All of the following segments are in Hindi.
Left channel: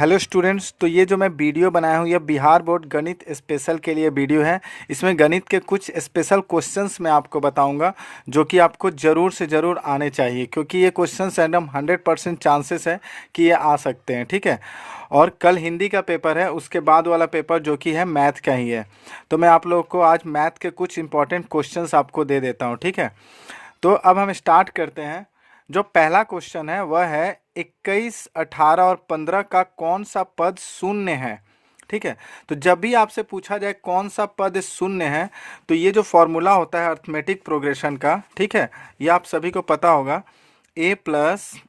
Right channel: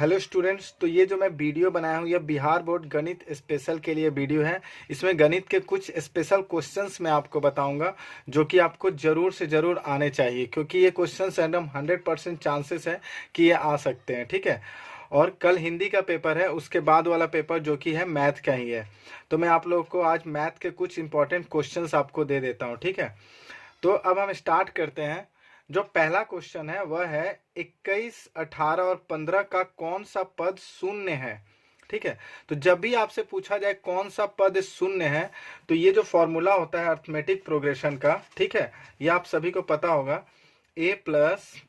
हेलो स्टूडेंट्स, तो ये जो मैं वीडियो बनाया हूँ, यह बिहार बोर्ड गणित स्पेशल के लिए वीडियो है। इसमें गणित के कुछ स्पेशल क्वेश्चंस मैं आपको बताऊंगा जो कि आपको ज़रूर से ज़रूर आने चाहिए, क्योंकि ये क्वेश्चंस एकदम 100% चांसेस है कि ये आ सकते हैं। ठीक है। और कल हिंदी का पेपर है, उसके बाद वाला पेपर जो कि है मैथ का ही है। तो मैं आप लोग को आज मैथ के कुछ इंपॉर्टेंट क्वेश्चंस आपको दे देता हूँ। ठीक है। तो अब हम स्टार्ट करते हैं। जो पहला क्वेश्चन है वह है 21, 18 और 15 का कौन सा पद शून्य है। ठीक है। तो जब भी आपसे पूछा जाए कौन सा पद शून्य है, तो ये जो फॉर्मूला होता है अर्थमेटिक प्रोग्रेशन का, ठीक है, ये आप सभी को पता होगा। a plus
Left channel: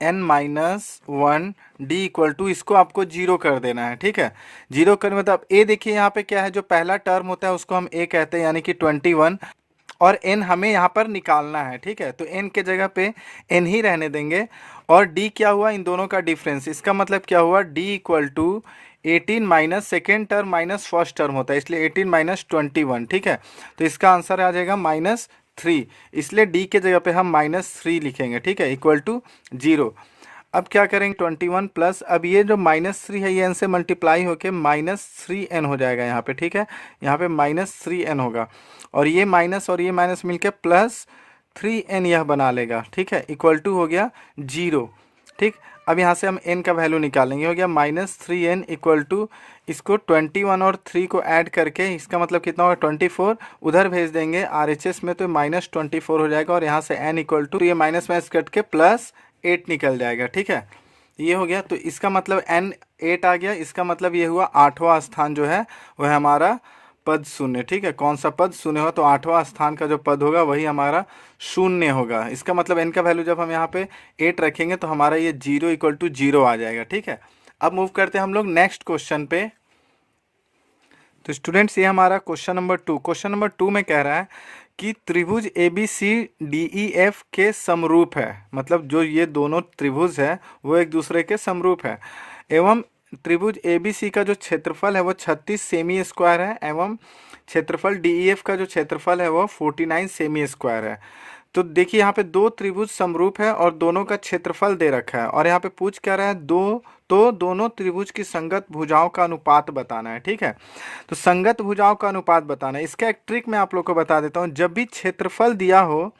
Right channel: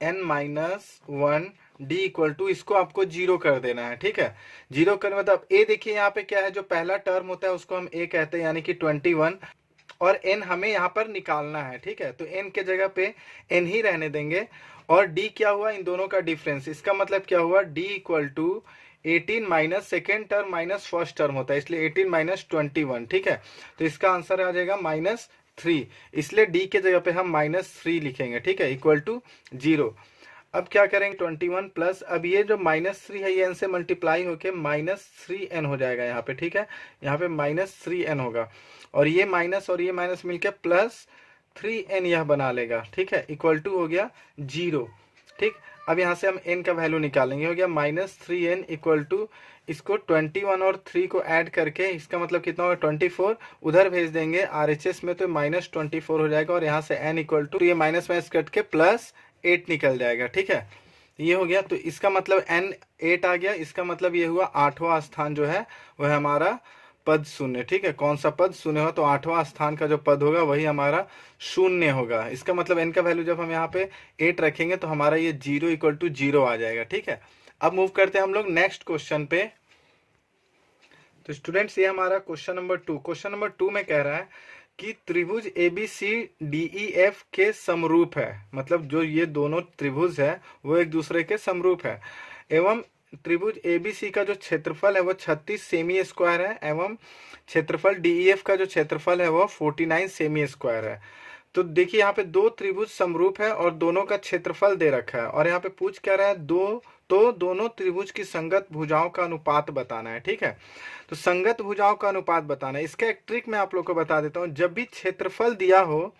n-1 d equal to, इसको आपको जीरो कर देना है। ठीक है। जीरो करने मतलब a, देखिए यहाँ पे क्या है, जो पहला टर्म होता है उसको हम a कहते हैं, यानी कि 21, और n हमें यहाँ पर निकालना है। ठीक है। तो n के जगह पे n ही रहने देंगे। और d क्या हुआ, इन दोनों का डिफरेंस, इसका मतलब क्या हुआ, d equal to 18 minus second term minus first term होता है, इसलिए 18 माइनस 21। ठीक है। तो इसका आंसर आ जाएगा -3, इसलिए d के जगह पे हम -3 लिखेंगे। ठीक है। Equal to 0। अब क्या करेंगे, 21 प्लस, अब ये जो -3 है ये n से मल्टीप्लाई होके -3n हो जाएगा यहाँ पे। ठीक है। यहाँ पे -3n होगा, और ये माइनस और ये माइनस मिलके +3n यह बना लेगा। ठीक है। इक्वल टू हो गया 0। ठीक। अब यहाँ से हम n का वैल्यू निकालेंगे, हो गया -3n इक्वल टू, इसको 21 और 3 को ऐड करके इसका मतलब कितना होगा 24, उधर भेज देंगे RHS में तो -24 हो जाएगा, और यहाँ से n इक्वल टू, ये माइनस माइनस कट के +8 निकल जाएगा। ठीक है। ये हो गया, तो इसका मतलब n 8 आ गया, इसका मतलब ये हुआ 8वां स्थान जो है वह हमारा पद शून्य। ठीक है। कौन सा पद शून्य हो, तो 8वां स्थान का जो पद होगा वही हमारा शून्य होगा। इसका मतलब n का वैल्यू जब हम यहाँ पे 8 रखेंगे तो हमारा ये 0 इक्वल टू 0 आ जाएगा। ठीक है। अब मूव करते हैं हम लोग नेक्स्ट क्वेश्चन पे। तो स्टूडेंट्स, ये हमारा क्वेश्चन नंबर 2, क्वेश्चन नंबर 2 में कह रहा है कि त्रिभुज ABCDEF के समरूप है, मतलब जो ये दोनों त्रिभुज है वो एक दूसरे के समरूप है, एवं त्रिभुज ABC का जो क्षेत्रफल है वो 36 सेमी स्क्वायर है, एवं क्षेत्रफल DEF का जो क्षेत्रफल है वो 49 सेमी स्क्वायर है। तो देखिए यहाँ पे दो त्रिभुज समरूप है और दोनों का क्षेत्रफल दे रखा है, और यहाँ पे पूछ क्या रहा है, दोनों त्रिभुज की संगत भुजाओं का अनुपात बताना है। ठीक है। तो संगत भुजाओं का अनुपात बताना है, इसका एक ट्रिक मैं आप लोग को बता देता हूँ। जब भी क्षेत्रफल दिया हो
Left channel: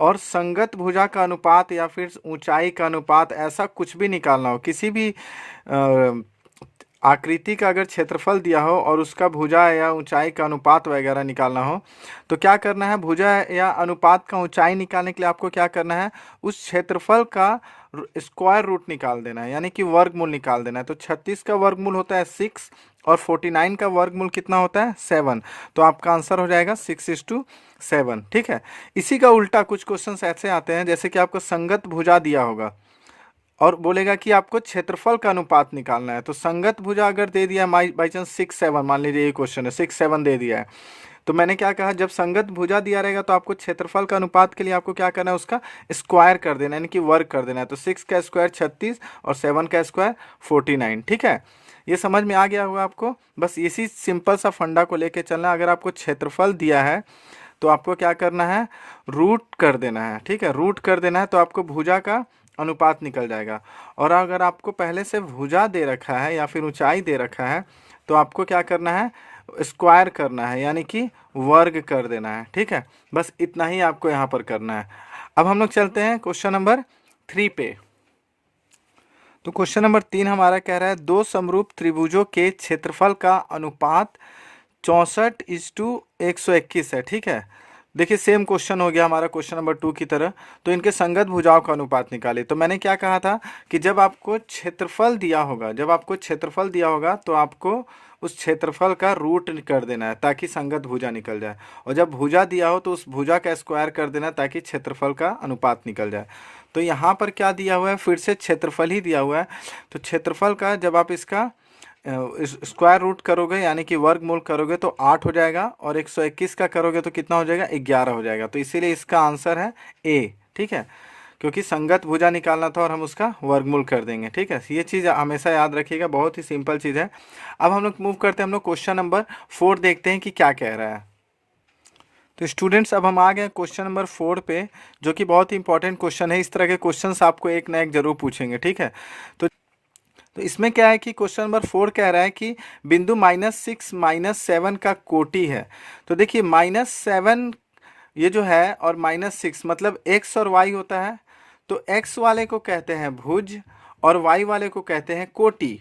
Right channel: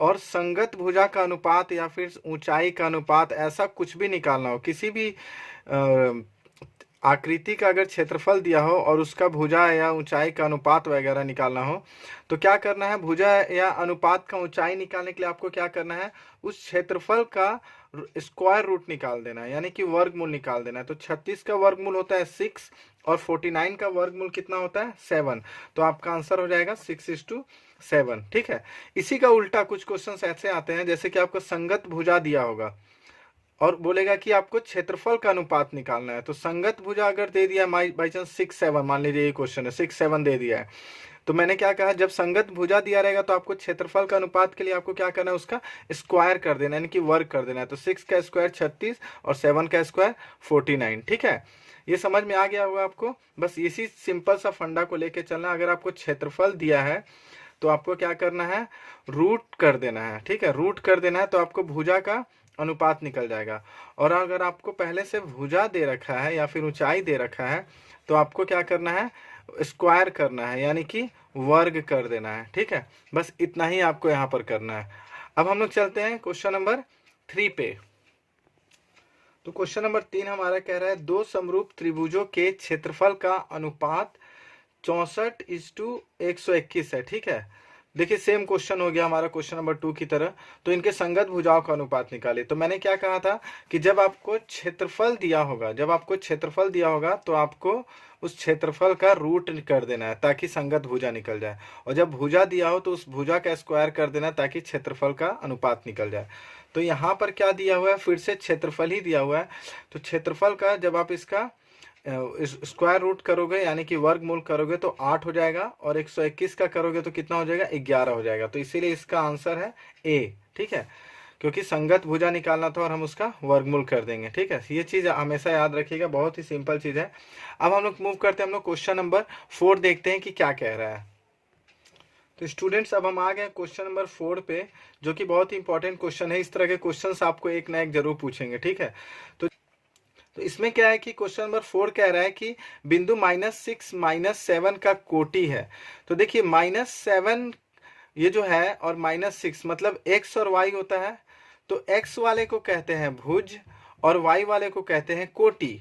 और संगत भुजा का अनुपात या फिर ऊंचाई का अनुपात, ऐसा कुछ भी निकालना हो, किसी भी आकृति का अगर क्षेत्रफल दिया हो और उसका भुजा या ऊंचाई का अनुपात वगैरह निकालना हो, तो क्या करना है, भुजा या अनुपात का ऊंचाई निकालने के लिए आपको क्या करना है, उस क्षेत्रफल का स्क्वायर रूट निकाल देना है, यानी कि वर्गमूल निकाल देना है। तो 36 का वर्गमूल होता है 6, और 49 का वर्गमूल कितना होता है 7। तो आपका आंसर हो जाएगा 6:7। ठीक है। इसी का उल्टा कुछ क्वेश्चंस ऐसे आते हैं, जैसे कि आपको संगत भुजा दिया होगा और बोलेगा कि आपको क्षेत्रफल का अनुपात निकालना है। तो संगत भुजा अगर दे दिया बाई चांस 6-7, मान लीजिए ये क्वेश्चन है 6-7 दे दिया है, तो मैंने क्या कहा, जब संगत भुजा दिया रहेगा तो आपको क्षेत्रफल का अनुपात के लिए आपको क्या करना है, उसका स्क्वायर कर देना है, यानी कि वर्ग कर देना है। तो 6 का स्क्वायर 36 और 7 का स्क्वायर 49। ठीक है। ये समझ में आ गया होगा आपको। बस इसी सिंपल सा फंडा को लेके चलना। अगर आपको क्षेत्रफल दिया है तो आपको क्या करना है, रूट कर देना है। ठीक है। रूट कर देना है तो आपको भुजा का अनुपात निकल जाएगा। और अगर आपको पहले से भुजा दे रखा है या फिर ऊंचाई दे रखा है, तो आपको क्या करना है, स्क्वायर करना है, यानी कि वर्ग कर देना है। ठीक है। बस इतना ही आपको यहाँ पर करना है। अब हम लोग चलते हैं क्वेश्चन नंबर 3 पे। तो क्वेश्चन नंबर 3 हमारा कह रहा है, दो समरूप त्रिभुजों के क्षेत्रफल का अनुपात 64:121 है। ठीक है। देखिए सेम क्वेश्चन हो गया हमारा क्वेश्चन नंबर 2 की तरह। तो इनके संगत भुजाओं का अनुपात निकाले। तो मैंने क्या कहा था कि जब आपको क्षेत्रफल दिया होगा, तो आपको उस क्षेत्रफल का रूट कर देना है ताकि संगत भुजा निकल जाए, और जब भुजा दिया हो तो उस भुजा का स्क्वायर कर देना ताकि क्षेत्रफल का अनुपात निकल जाए। तो यहाँ पर क्या दिया हुआ है, फिर से क्षेत्रफल ही दिया हुआ है। तो क्षेत्रफल का जब आप इसका स्क्वायर रूट करोगे, यानी कि वर्गमूल करोगे, तो 8 हो जाएगा, और 121 का करोगे तो कितना हो जाएगा, 11 हो जाएगा। तो इसीलिए इसका आंसर है ए। ठीक है। क्योंकि संगत भुजा निकालना था और हम उसका वर्गमूल कर देंगे। ठीक है। ये चीज़ हमेशा याद रखिएगा, बहुत ही सिंपल चीज़ है। अब हम लोग मूव करते हैं, हम लोग क्वेश्चन नंबर 4 देखते हैं कि क्या कह रहा है। तो स्टूडेंट्स, अब हम आ गए क्वेश्चन नंबर 4 पे, जो कि बहुत ही इंपॉर्टेंट क्वेश्चन है। इस तरह के क्वेश्चंस आपको एक ना एक जरूर पूछेंगे। ठीक है। तो तो इसमें क्या है कि क्वेश्चन नंबर 4 कह रहा है कि बिंदु -6 -7 का कोटि है। तो देखिए -7 ये जो है और -6 मतलब x और y होता है। तो x वाले को कहते हैं भुज और y वाले को कहते हैं कोटि।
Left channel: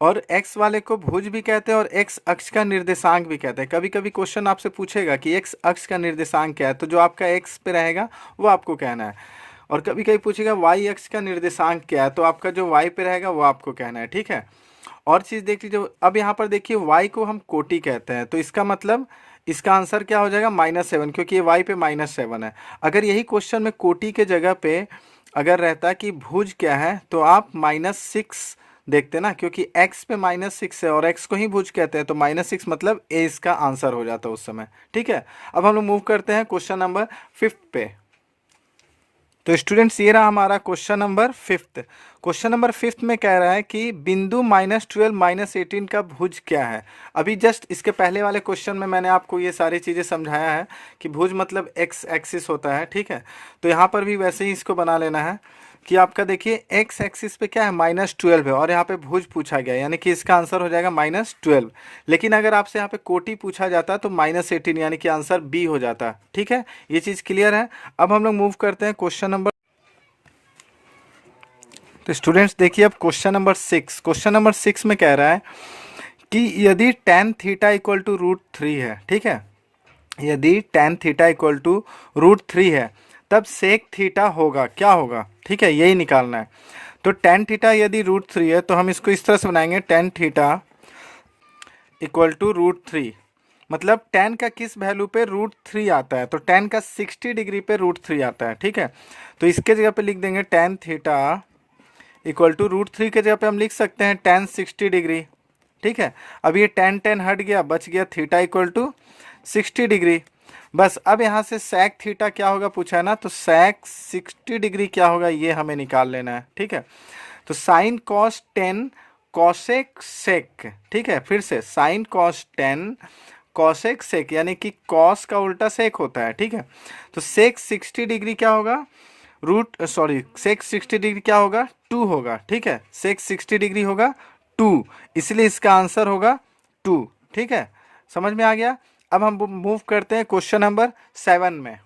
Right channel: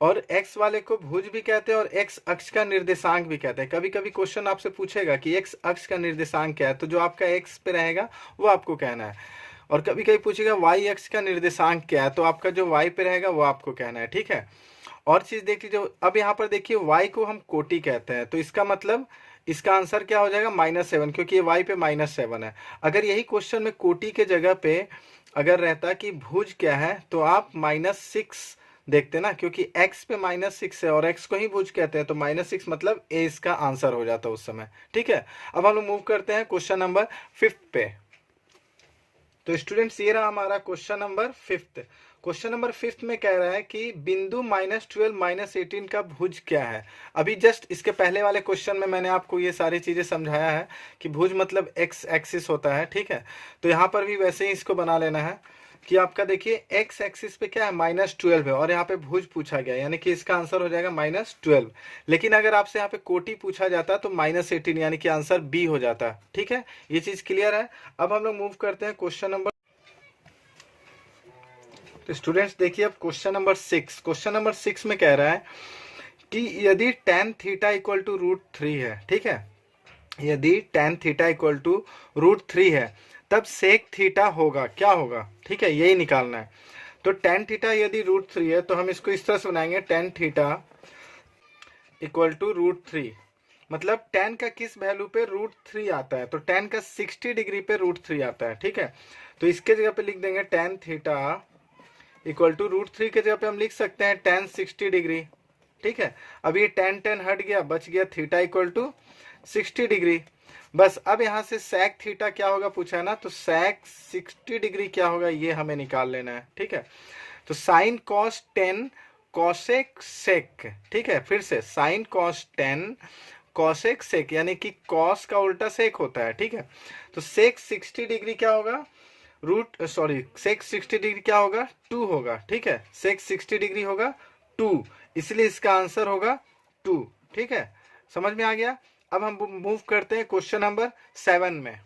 और x वाले को भुज भी कहते हैं और x अक्ष का निर्देशांक भी कहते हैं। कभी कभी क्वेश्चन आपसे पूछेगा कि x अक्ष का निर्देशांक क्या है, तो जो आपका x पे रहेगा वो आपको कहना है। और कभी कभी पूछेगा y अक्ष का निर्देशांक क्या है, तो आपका जो y पे रहेगा वो आपको कहना है, ठीक है। और चीज़ देख लीजिए, अब यहाँ पर देखिए y को हम कोटि कहते हैं, तो इसका मतलब इसका आंसर क्या हो जाएगा -7, क्योंकि ये y पे -7 है। अगर यही क्वेश्चन में कोटि के जगह पे अगर रहता कि भुज क्या है, तो आप -6 देखते ना, क्योंकि x पे -6 है और x को ही भुज कहते हैं, तो -6 मतलब a इसका आंसर हो जाता उस समय, ठीक है। अब हम लोग मूव करते हैं क्वेश्चन नंबर 5 पे। तो स्टूडेंट्स ये रहा हमारा क्वेश्चन नंबर 5। क्वेश्चन नंबर 5 में कह रहा है कि बिंदु -12 -18 का भुज क्या है। अभी जस्ट इसके पहले वाले क्वेश्चन में मैंने आपको ये सारी चीज़ें समझाया है कि भुज मतलब x एक्सिस होता है, ठीक है। तो यहाँ पर भी वैसे ही इसको बना लेना है कि आपका देखिए x एक्सिस पे क्या है -12 है और यहाँ पे भुज पूछा गया है, यानी कि इसका आंसर हो जाएगा -12। लेकिन अगर आपसे यहाँ पे कोटि पूछा जाता तो -18, यानी कि आंसर बी हो जाता, ठीक है। ये चीज़ क्लियर है। अब हम लोग मूव करते हैं क्वेश्चन नंबर। तो स्टूडेंट्स देखिए अब क्वेश्चन नंबर 6। क्वेश्चन नंबर 6 में कह रहा है कि यदि tan थीटा इक्वल टू √3 है, ठीक है, यदि tan थीटा इक्वल टू √3 है तब सेक थीटा होगा, क्या होगा, ठीक है, यही निकालना है। तो tan थीटा यदि √3 है तो हम इसको इस तरह से बनाएंगे, tan थीटा इक्वल टू √3, मतलब tan का किस वैल्यू पे √3 आता है, तो tan का 60 डिग्री पे √3 आता है, ठीक है। तो इसके जगह पे लिख देंगे tan थीटा इक्वल टू √3 के जगह पे हम लिख सकते हैं tan 60 डिग्री, ठीक है। अब ये tan हट गया, बच गया थीटा इक्वल टू 60 डिग्री। बस अब यहाँ से sec थीटा क्या होगा पूछा है ना, तो sec 60 डिग्री क्या होगा ये हमें निकाल लेना है, ठीक है। तो sin cos 10 cosec sec, ठीक है, फिर से sin cos 10 cosec sec, यानी कि cos का उल्टा sec होता है, ठीक है। तो sec 60 डिग्री क्या होगा, sec 60 डिग्री क्या होगा, 2 होगा, ठीक है। sec 60 डिग्री होगा 2, इसलिए इसका आंसर होगा 2, ठीक है। समझ में आ गया। अब हम मूव करते हैं क्वेश्चन नंबर 7 में।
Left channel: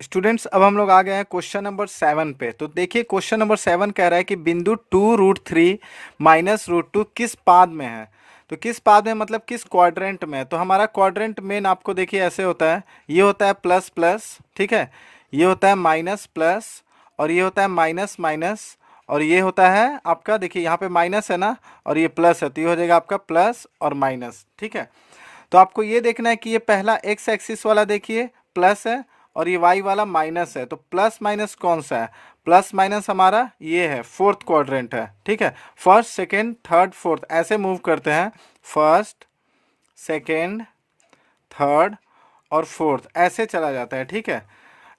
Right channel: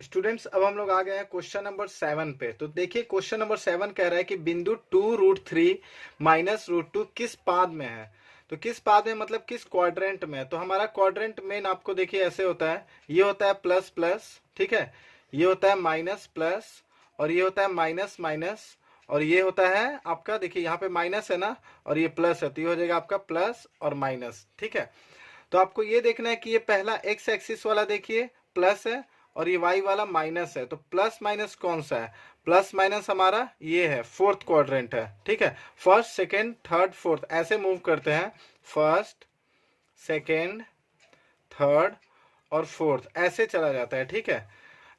स्टूडेंट्स अब हम लोग आ गए हैं क्वेश्चन नंबर 7 पे। तो देखिए क्वेश्चन नंबर 7 कह रहा है कि बिंदु 2√3 -√2 किस पाद में है। तो किस पाद में मतलब किस क्वाड्रेंट में है। तो हमारा क्वाड्रेंट मेन आपको देखिए ऐसे होता है, ये होता है प्लस प्लस, ठीक है, ये होता है माइनस प्लस, और ये होता है माइनस माइनस, और ये होता है आपका देखिए यहाँ पे माइनस है ना और ये प्लस है, तो ये हो जाएगा आपका प्लस और माइनस, ठीक है। तो आपको ये देखना है कि ये पहला एक्स एक्सिस वाला देखिए प्लस है और ये वाई वाला माइनस है, तो प्लस माइनस कौन सा है, प्लस माइनस हमारा ये है, फोर्थ क्वाड्रेंट है, ठीक है। फर्स्ट सेकेंड थर्ड फोर्थ ऐसे मूव करते हैं, फर्स्ट सेकेंड थर्ड और फोर्थ ऐसे चला जाता है, ठीक है,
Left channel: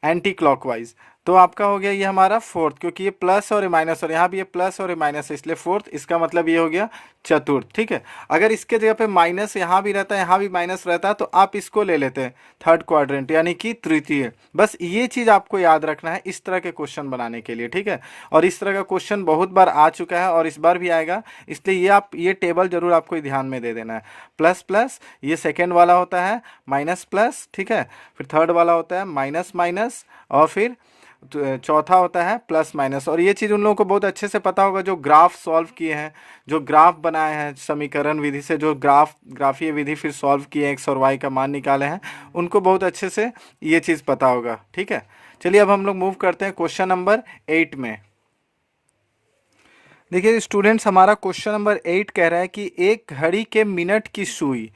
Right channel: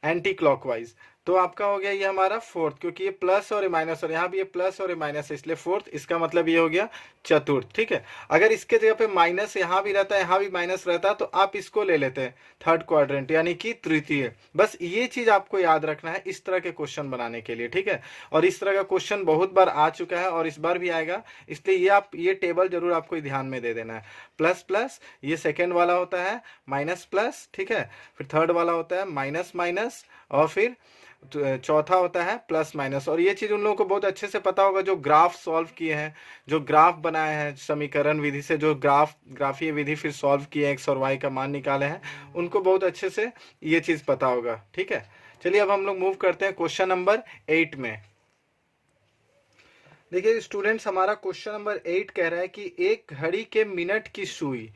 एंटी क्लॉकवाइज। तो आपका हो गया ये हमारा फोर्थ, क्योंकि ये प्लस और ये माइनस और यहाँ भी ये प्लस और ये माइनस है, इसलिए फोर्थ, इसका मतलब ये हो गया चतुर्थ, ठीक है। अगर इसके जगह पे माइनस यहाँ भी रहता है यहाँ भी माइनस रहता है तो आप इसको ले लेते हैं थर्ड क्वाड्रेंट, यानी कि तृतीय। बस ये चीज़ आपको याद रखना है इस तरह के क्वेश्चन बनाने के लिए, ठीक है। और इस तरह का क्वेश्चन बहुत बार आ चुका है और इस बार भी आएगा, इसलिए ये आप ये टेबल जरूर आपको ध्यान में दे देना है। प्लस प्लस ये सेकेंड वाला होता है माइनस प्लस, ठीक है, फिर थर्ड वाला होता है माइनस माइनस, और फिर चौथा होता है प्लस माइनस। और ये चीज़ उन लोगों को बहुत अच्छे से पता होगा जो ग्राफ सॉल्व किए हैं, जो ग्राफ बनाए हैं समीकरण विधि से, जो ग्राफीय विधि फिर सॉल्व किए एक्स और वाई का मान निकाले हैं, उनको बहुत अच्छे से ये चीज़ पता होगा, ठीक है। चलिए अब हम लोग मूव करते हैं क्वेश्चन नंबर 8 में। देखिए स्टूडेंट्स हमारा क्वेश्चन नंबर 8 कह रहा है कि एक घड़ी के मिनट की सुई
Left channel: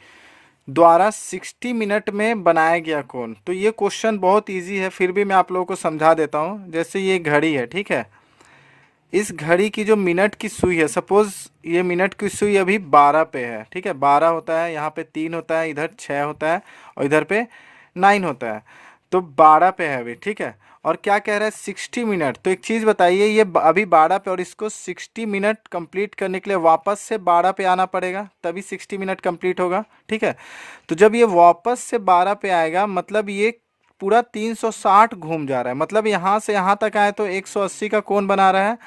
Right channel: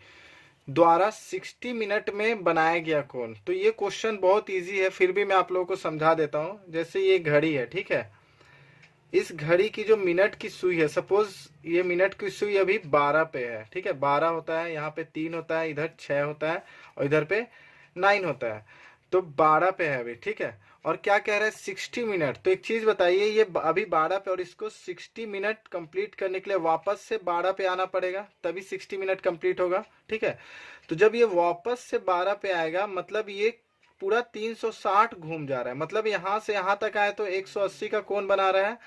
द्वारा 60 मिनट में बनाया गया कोण। तो ये क्वेश्चन बहुत इजी है, फिर भी मैं आप लोगों को समझा देता हूँ। जैसे ये घड़ी है, ठीक है, इस घड़ी की जो मिनट की सुई है, सपोज ये मिनट की सुई अभी 12 पे है, ठीक है, 12 होता है, यहाँ पे 3 होता है, इधर 6 होता है और इधर पे 9 होता है, तो 12 पे है अभी, ठीक है। और क्या कह रहा है 60 मिनट। तो एक चीज़ बताइए, ये अभी 12 पे और इसको 60 मिनट कंप्लीट करने के लिए वापस से 12 पे आना पड़ेगा, तभी 60 मिनट कंप्लीट होगा, ठीक है। तो जब ये वापस से 12 पे आएगा मतलब ये पूरा 360 घूम जा रहा है, मतलब यहाँ से यहाँ तक आए तो 180 का कोण बना रहा है,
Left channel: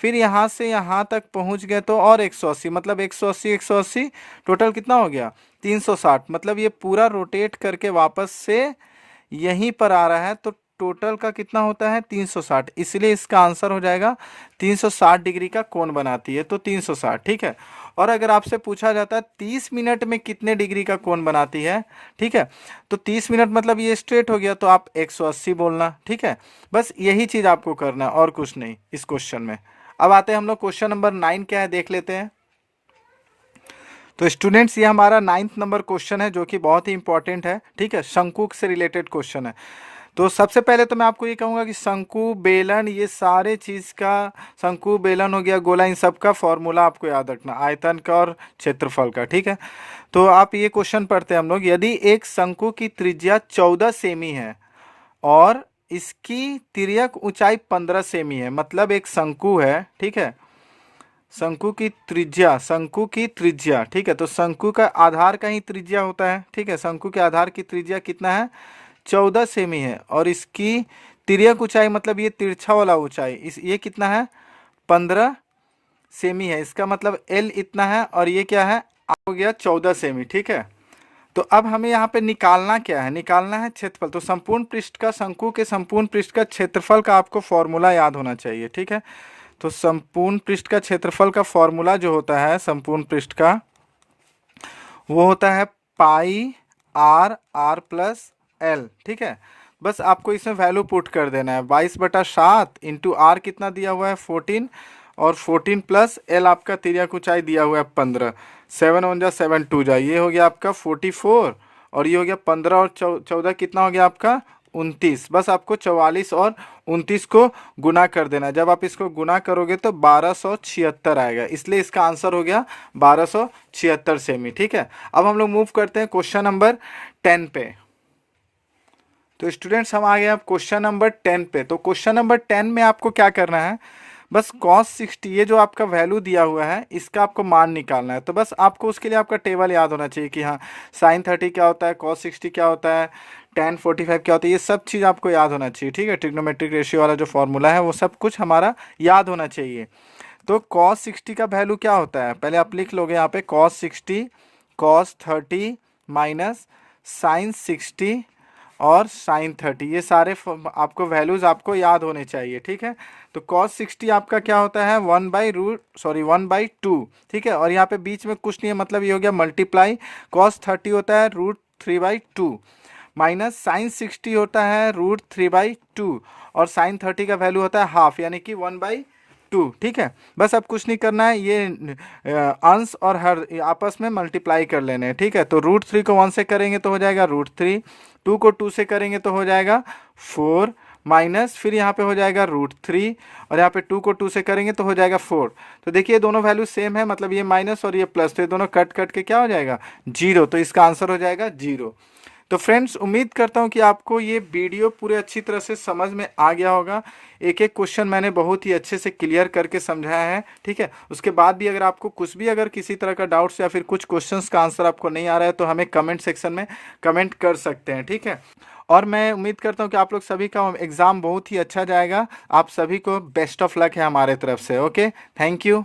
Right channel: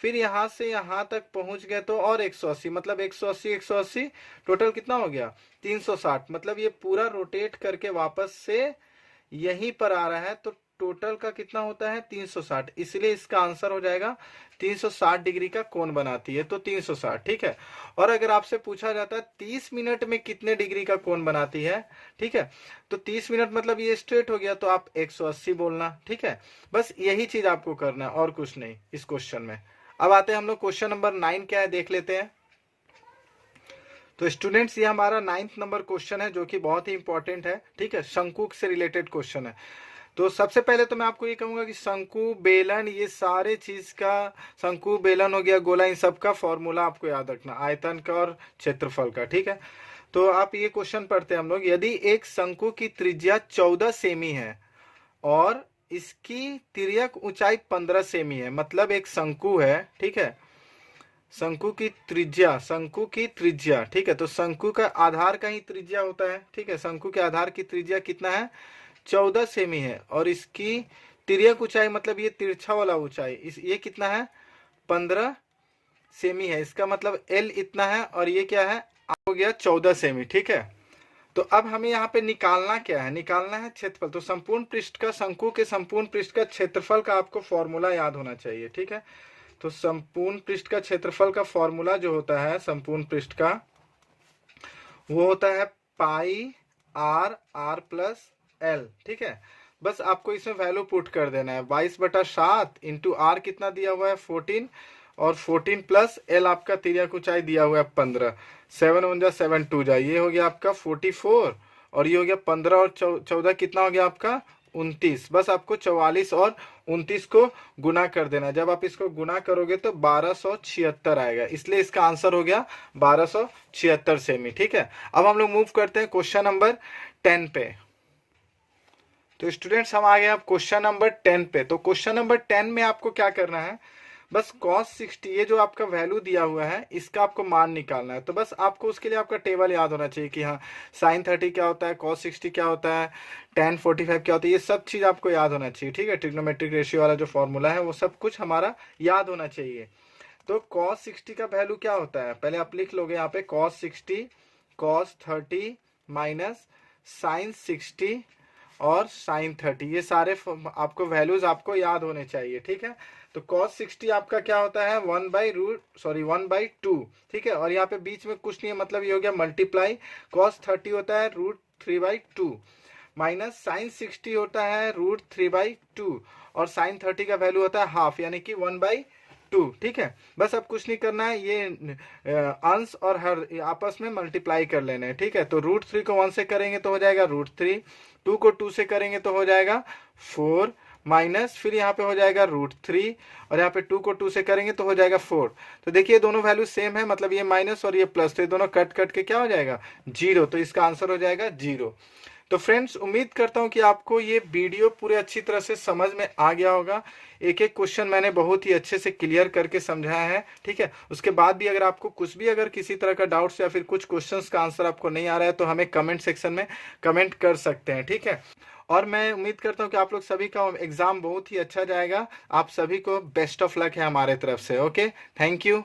फिर यहाँ से यहाँ तक पहुँच गए तो और 180, मतलब 180 180 टोटल कितना हो गया 360। मतलब ये पूरा रोटेट करके वापस से यहीं पर आ रहा है, तो टोटल का कितना होता है 360, इसलिए इसका आंसर हो जाएगा 360 डिग्री का कोण बनाती है, तो 360। ठीक है। और अगर आपसे पूछा जाता है 30 मिनट में कितने डिग्री का कोण बनाती है, ठीक है, तो 30 मिनट मतलब ये स्ट्रेट हो गया, तो आप 180 बोलना। ठीक है, बस यही चीज आपको करना है और कुछ नहीं इस क्वेश्चन में। अब आते हैं हम लोग क्वेश्चन नंबर 9 क्या है देख लेते हैं। तो स्टूडेंट्स ये हमारा 9th नंबर क्वेश्चन है जो कि बहुत ही इंपॉर्टेंट है। ठीक है, शंकु से रिलेटेड क्वेश्चन है। तो सबसे पहले तो मैं आपको ये कहूँगा कि शंकु बेलन ये सारे चीज़ का, शंकु बेलन हो गया गोला, इन सब का फॉर्मूला आपको याद रखना, आयतन का और क्षेत्रफल का। ठीक है, तो आप ये क्वेश्चन पढ़ते हैं हम लोग। यदि एक शंकु की त्रिज्या 14 सेमी है और इसकी तिर्यक ऊंचाई 15 सेमी है, मतलब एक शंकु है। ठीक है, शंकु की त्रिज्या, शंकु की त्रिज्या, ठीक है, तो शंकु का आधार का ही त्रिज्या होता है। ठीक है, शंकु के आधार की त्रिज्या कितना है 14 सेमी है, और इसकी तिर्यक ऊंचाई मतलब ये तिरछा वाला ऊंचाई इस ये कितना है 15 सेमी है। इसका मतलब एल इतना है और ये क्या है हो गया 14 सेमी। ठीक है, तो अब हमें यहाँ पे निकालना क्या है, निकालना है क्षेत्रफल। तो संपूर्ण पृष्ठ का, शंकु के संपूर्ण पृष्ठ का क्षेत्रफल का आपको फॉर्मूला याद होना चाहिए। ठीक है, तो संपूर्ण पृष्ठ का क्षेत्रफल का फॉर्मूला जो होता है संपूर्ण पृष्ठ का, वो होता है पाई आर आर प्लस एल। ठीक है, बस आपको इसमें वैल्यू पुट कर देना है 22/7 इंटू आर कितना दिया हुआ है 14, और 14 प्लस एल आपका तिर्यक ऊंचाई दिया हुआ है 15। 7 1 जा 7 2 जा, ये हो गया आपका 44, और ये हो गया 15 और 14 कितना हो गया आपका 29। बस आपको 44 और 29 को गुना कर देना। जब आप इसको गुना करोगे तो 1276 आएगा, इसलिए इसका आंसर हो गया 1276 सेमी। ठीक है, अब हम लोग मूव करते हैं क्वेश्चन नंबर 10 पे। तो स्टूडेंट्स हम आ गए अब क्वेश्चन नंबर 10 पे। तो क्वेश्चन नंबर 10 में आपको क्या करना है, बस cos 60 ये जो आपका वैल्यू दिया हुआ है इसका आपको मान निकालना है। तो बस आपको उसके लिए आपका टेबल याद होना चाहिए कि हाँ sin 30 क्या होता है, cos 60 क्या होता है, tan 45 क्या होता है, ये सब चीज़ आपको याद होना चाहिए। ठीक है, ट्रिग्नोमेट्रिक रेशियो वाला जो फॉर्मूला है वो सब कुछ हमारा याद होना चाहिए। तो cos 60 का वैल्यू क्या होता है, पहले आप लिख लोगे यहाँ पे cos 60 cos 30 माइनस sin 60 और साइन 30, ये सारे आपको वैल्यूज आपको याद होने चाहिए। ठीक है, तो cos 60 आपका क्या होता है 1/2। ठीक है, और यहाँ पे बीच में कुछ नहीं है, मतलब ये हो गया मल्टीप्लाई, cos 30 होता है √3/2 माइनस साइन 60 होता है √3/2, और साइन 30 का वैल्यू होता है हाफ, यानी कि 1/2। ठीक है, बस अब कुछ नहीं करना है, ये अंश और हर आपस में मल्टीप्लाई कर लेने हैं। ठीक है, तो √3 को 1 से करेंगे तो हो जाएगा √3, 2 को 2 से करेंगे तो हो जाएगा 4, माइनस फिर यहाँ पे हो जाएगा √3, और यहाँ पे 2 को 2 से करेंगे तो हो जाएगा 4। तो देखिए दोनों वैल्यू सेम है, मतलब ये माइनस और ये प्लस, तो ये दोनों कट कट के क्या हो जाएगा 0, तो इसका आंसर हो जाएगा 0। तो फ्रेंड्स उम्मीद करता हूँ कि आपको ये वीडियो पूरे अच्छी तरह से समझ में आ गया होगा। एक एक क्वेश्चन मैंने बहुत ही अच्छे से क्लियर करके समझाया है। ठीक है, उसके बाद भी अगर आपको कुछ भी अगर किसी तरह का डाउट्स या फिर कुछ क्वेश्चंस का आंसर आपको नहीं आ रहा है तो हमें कमेंट सेक्शन में कमेंट कर सकते हैं। ठीक है, और मैं उम्मीद करता हूँ कि आप लोग सभी का एग्ज़ाम बहुत ही अच्छा जाएगा। आप सभी को बेस्ट ऑफ लक है हमारे तरफ से। Okay, thank you.